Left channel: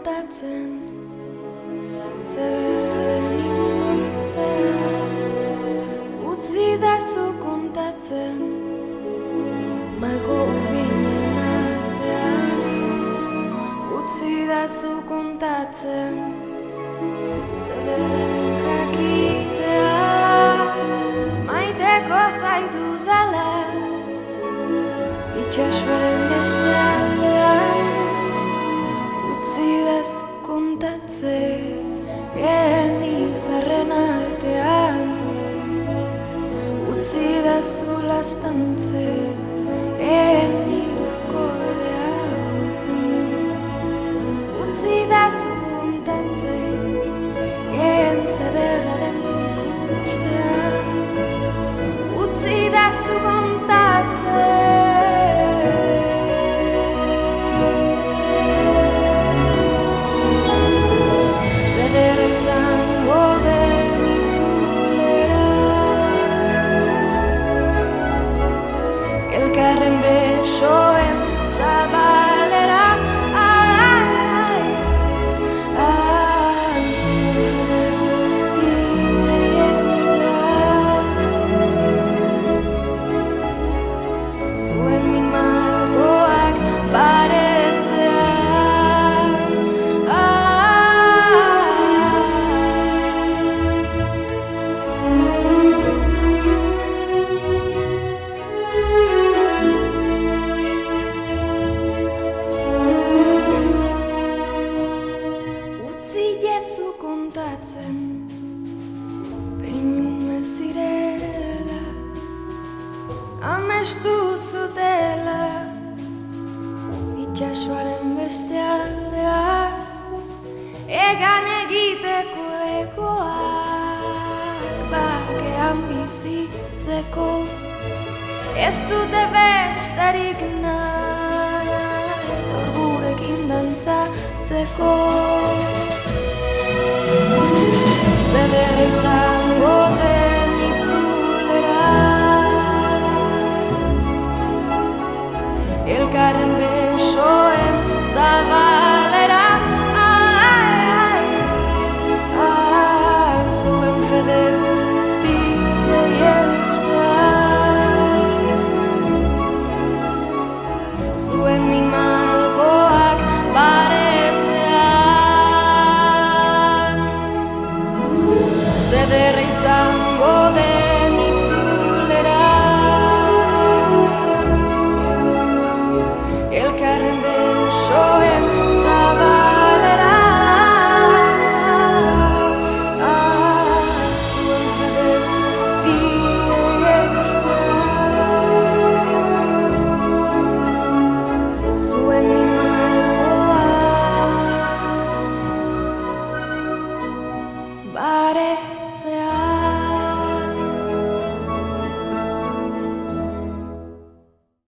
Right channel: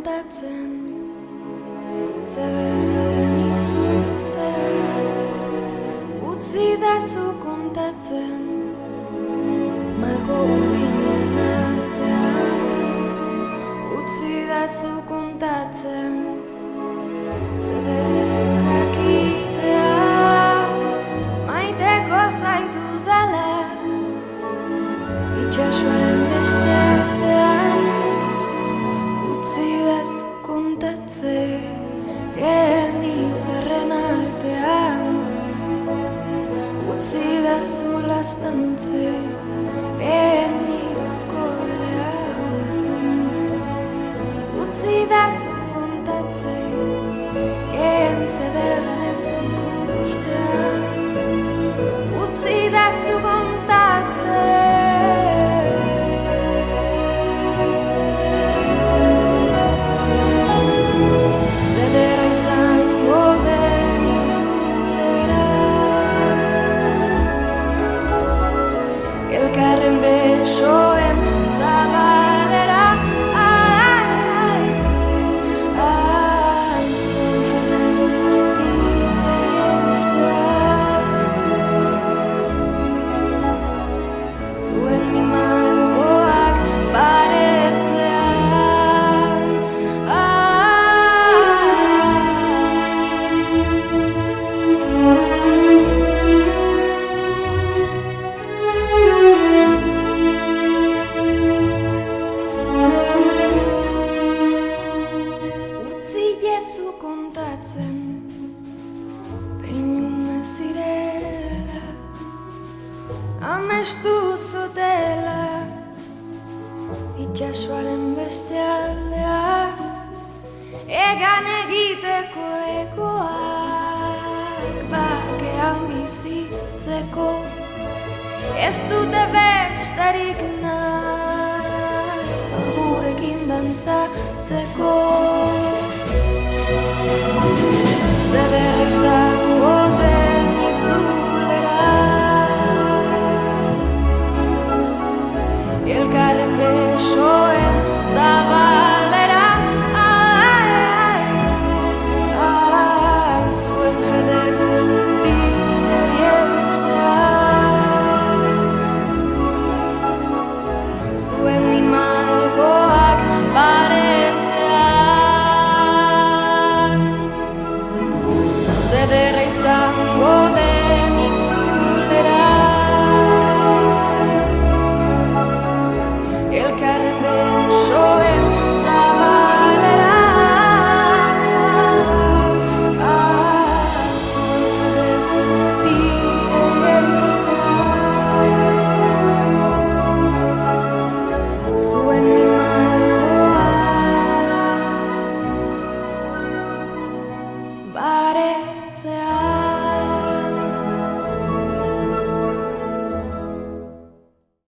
kontatzen, zederra den itzultzea. Utzidazu kontatzen, malko urdinen artean. Utzidazu kontatzen, zederren jakitea. Maiteko zaitu dela, itxasoaren beste aldean. Utzidazu kontatzen, izarren artean. Utzidazu lastantze, nire akordea hortan. Utzidazu kontatzen, zederra den zu ikustea. Utzidazu kontatzen, zederra izango den itzulera. Elkarren besoen zabalera. Zuen fede guztiei eustea. Zuen min malkoak baretzean. Utzi kontatzen, peinume zirela, amestu zutela, itxasoaren beste aldeaz, egan egiteko egoak, bakean bizitzeko, ez dute besterik nahi, gaur gurekin dantzatzeko. Zederra izango den itzulera. Elkarren besoen zabalera. Zuen fede guztiei eustea. Zuen min malkoak baretzean. Zederra izango den